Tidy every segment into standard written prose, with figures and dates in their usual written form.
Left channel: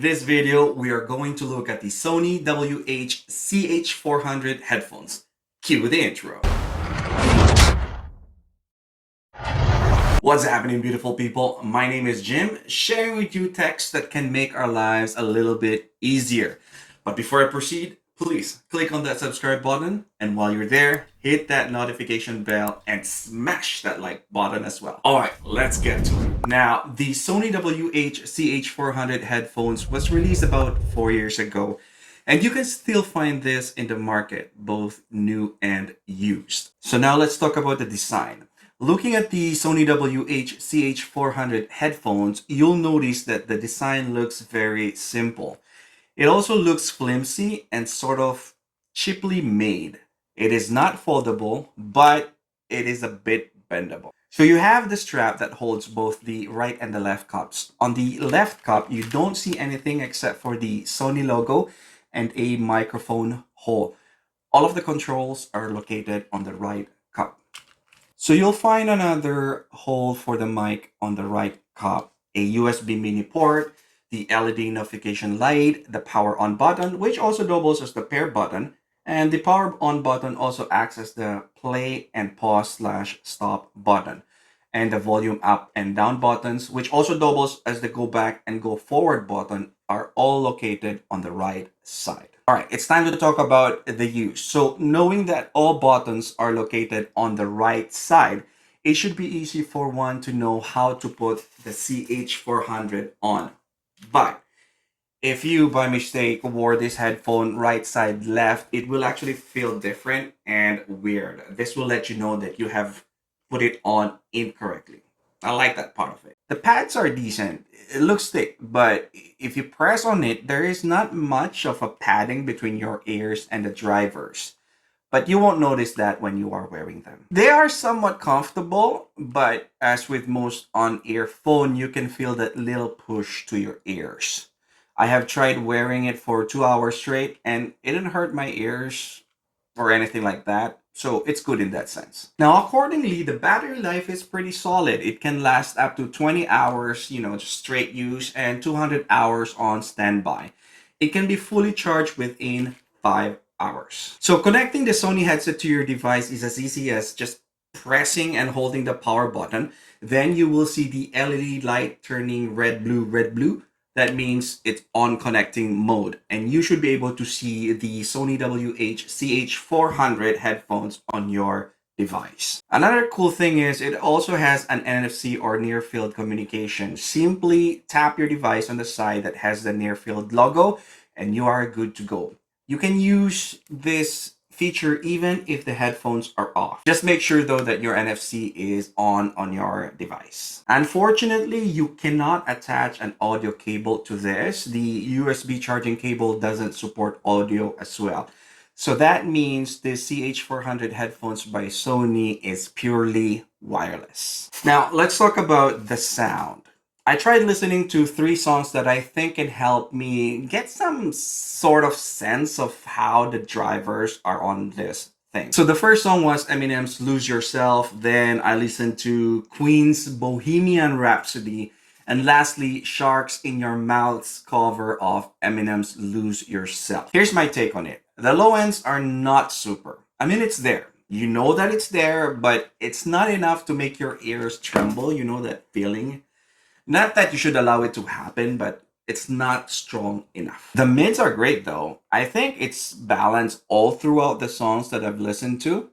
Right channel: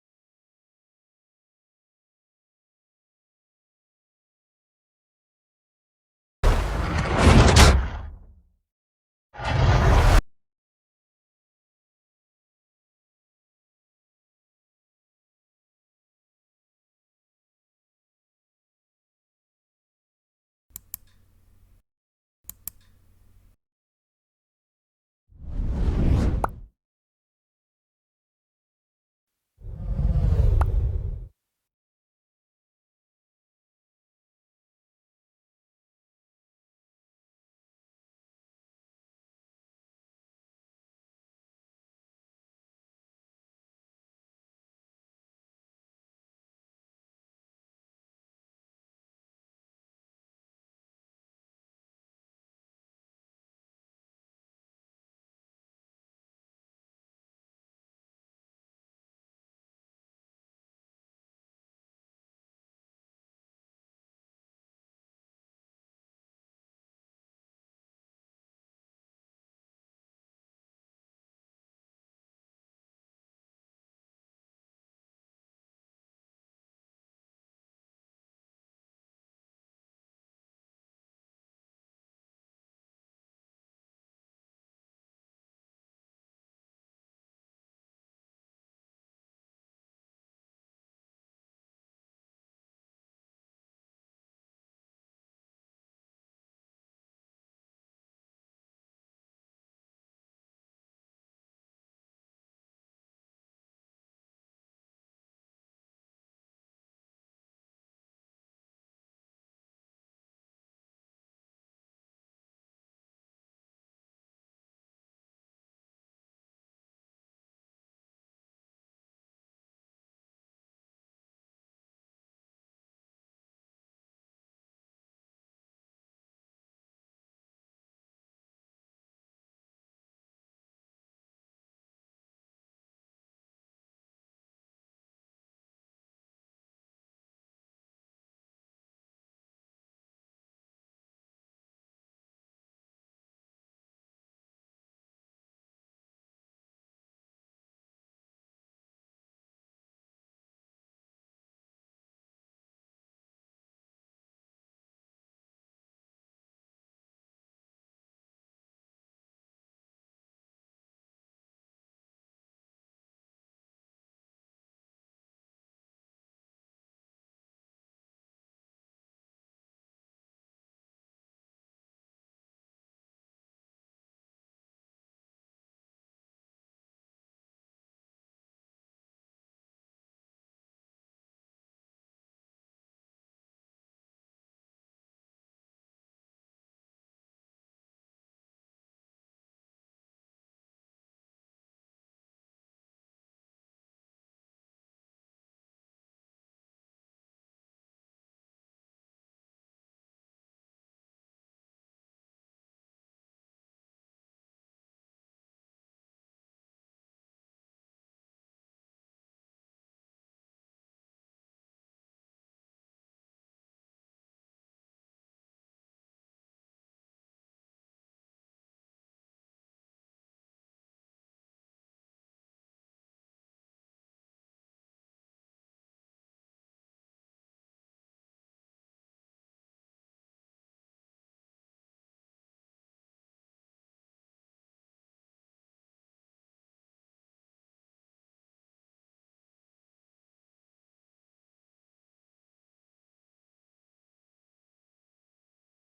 This video, we are going to look at the Sony WH CH400 headphones. Cue the intro. What's happening, beautiful people? My name is Jim, sharing with you techs that can make our lives a little bit easier. But before I proceed, please click on that subscribe button, and while you're there, hit that notification bell and smash that like button as well. All right, let's get to it. Now, the Sony WH CH400 headphones was released about 4 years ago, and you can still find this in the market, both new and used. So now let's talk about the design. Looking at the Sony WH CH400 headphones, you'll notice that the design looks very simple. It also looks flimsy and sort of cheaply made. It is not foldable, but it is a bit bendable. So you have the strap that holds both the right and the left cups. On the left cup, you don't see anything except for the Sony logo and a microphone hole. All of the controls are located on the right cup. So you'll find another hole for the mic on the right cup, a USB mini port, the LED notification light, the power on button, which also doubles as the pair button, and the power on button also acts as the play and pause / stop button, and the volume up and down buttons, which also doubles as the go back and go forward button, are all located on the right side. All right, it's time to talk about the use. So knowing that all buttons are located on the right side, it should be easy for one to know how to put the CH400 on. But if you by mistake wore this headphone right side left, it will actually feel different and weird. This will let you know that you have put it on incorrectly. I like that part of it. The pads are decent. It looks thick, but if you press on it, there is not much of a padding between your ears and the drivers. But you won't notice that when you are wearing them. They are somewhat comfortable, but as with most on-ear phone, you can feel that little push to your ears. I have tried wearing it for 2 hours straight, and it didn't hurt my ears or anything like that. So it's good in that sense. Now, accordingly, the battery life is pretty solid. It can last up to 20 hours, just straight use, and 200 hours on standby. It can be fully charged within 5 hours. So connecting the Sony headset to your device is as easy as just pressing and holding the power button. Then you will see the LED light turning red, blue. That means it's on connecting mode, and you should be able to see the Sony WH CH400 headphones on your device. Another cool thing is it also has an NFC or near field communication. Simply tap your device on the side that has the near field logo and you are good to go. You can use this feature even if the headphones are off. Just make sure though that your NFC is on your device. Unfortunately, you cannot attach an audio cable to this. The USB charging cable doesn't support audio as well. So that means the CH400 headphones by Sony is purely wireless. Now let's talk about the sound. I tried listening to 3 songs that I think can help me get some sort of sense of how the drivers are on this thing. So the first song was Eminem's Lose Yourself, then I listened to Queen's Bohemian Rhapsody, and lastly, Sharks in Your Mouth's cover of Eminem's Lose Yourself. Here's my take on it. The low ends are not super. It's there. You know that it's there, but it's not enough to make your ears tremble. You know that feeling? Not that you should allow it to happen, but it's not strong enough. The mids are great though. I think it's balanced all throughout the songs that I've listened to.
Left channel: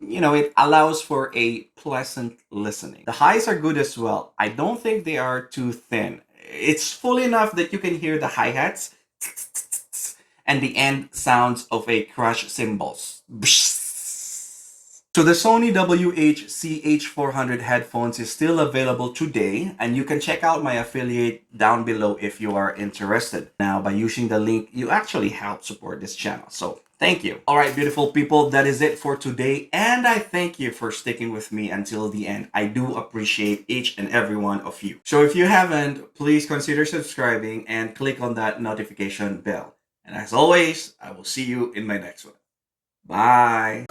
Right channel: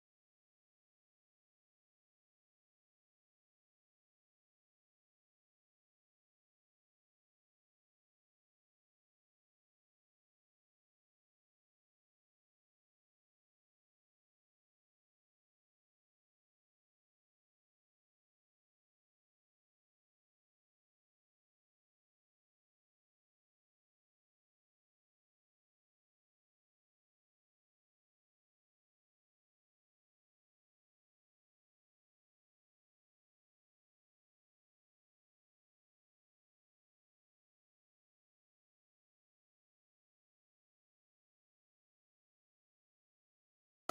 It allows for a pleasant listening. The highs are good as well. I don't think they are too thin. It's full enough that you can hear the hi-hats and the end sounds of a crash cymbals. So the Sony WH CH400 headphones is still available today, and you can check out my affiliate down below if you are interested. Now, by using the link, you actually help support this channel. So thank you. All right, beautiful people, that is it for today. And I thank you for sticking with me until the end. I do appreciate each and every one of you. So if you haven't, please consider subscribing and click on that notification bell. And as always, I will see you in my next one. Bye.